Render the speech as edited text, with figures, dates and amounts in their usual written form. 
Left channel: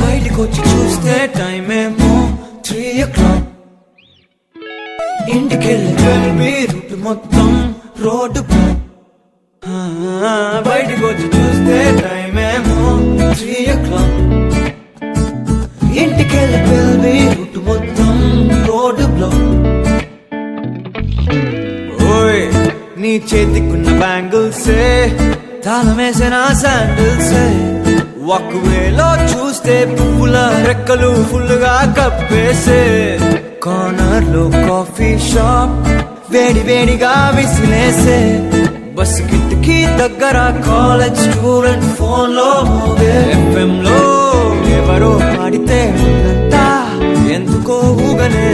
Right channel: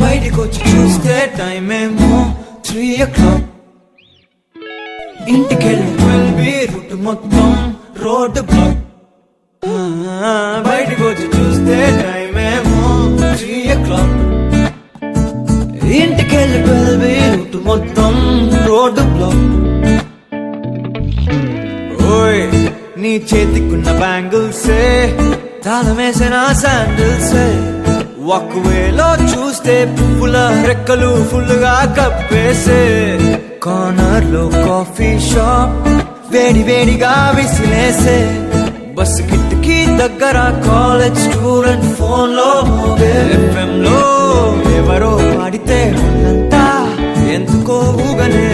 బయటికొచ్చి చూస్తే టైం ఏమో 3 o'clock. ఇంటికెళ్ళి 12 రూట్ మొత్తం రోడ్ బ్లాక్. బయటికొచ్చి చూస్తే టైం ఏమో 3 o'clock. ఇంటికెళ్ళి 12 రూట్ మొత్తం రోడ్ బ్లాక్. ఓయ్ నీ చేతికున్న బ్యాంగిల్సే తాళమేసిన శాండిల్సే ఒకవేలో చూస్తే పువ్వుల రెక్కలు ఫుల్ గా కప్పేసే కార్నర్ లో కాఫీ షాప్ వేడి వేడిగా విసిలేసే బస్ కిటికీ దగ్గర కాలేజ్ స్టూడెంట్ ఫోన్ లో మోగే FM లో ఎవరో పాడితే ఒళ్ళంతా ఎందుకో ఊగనే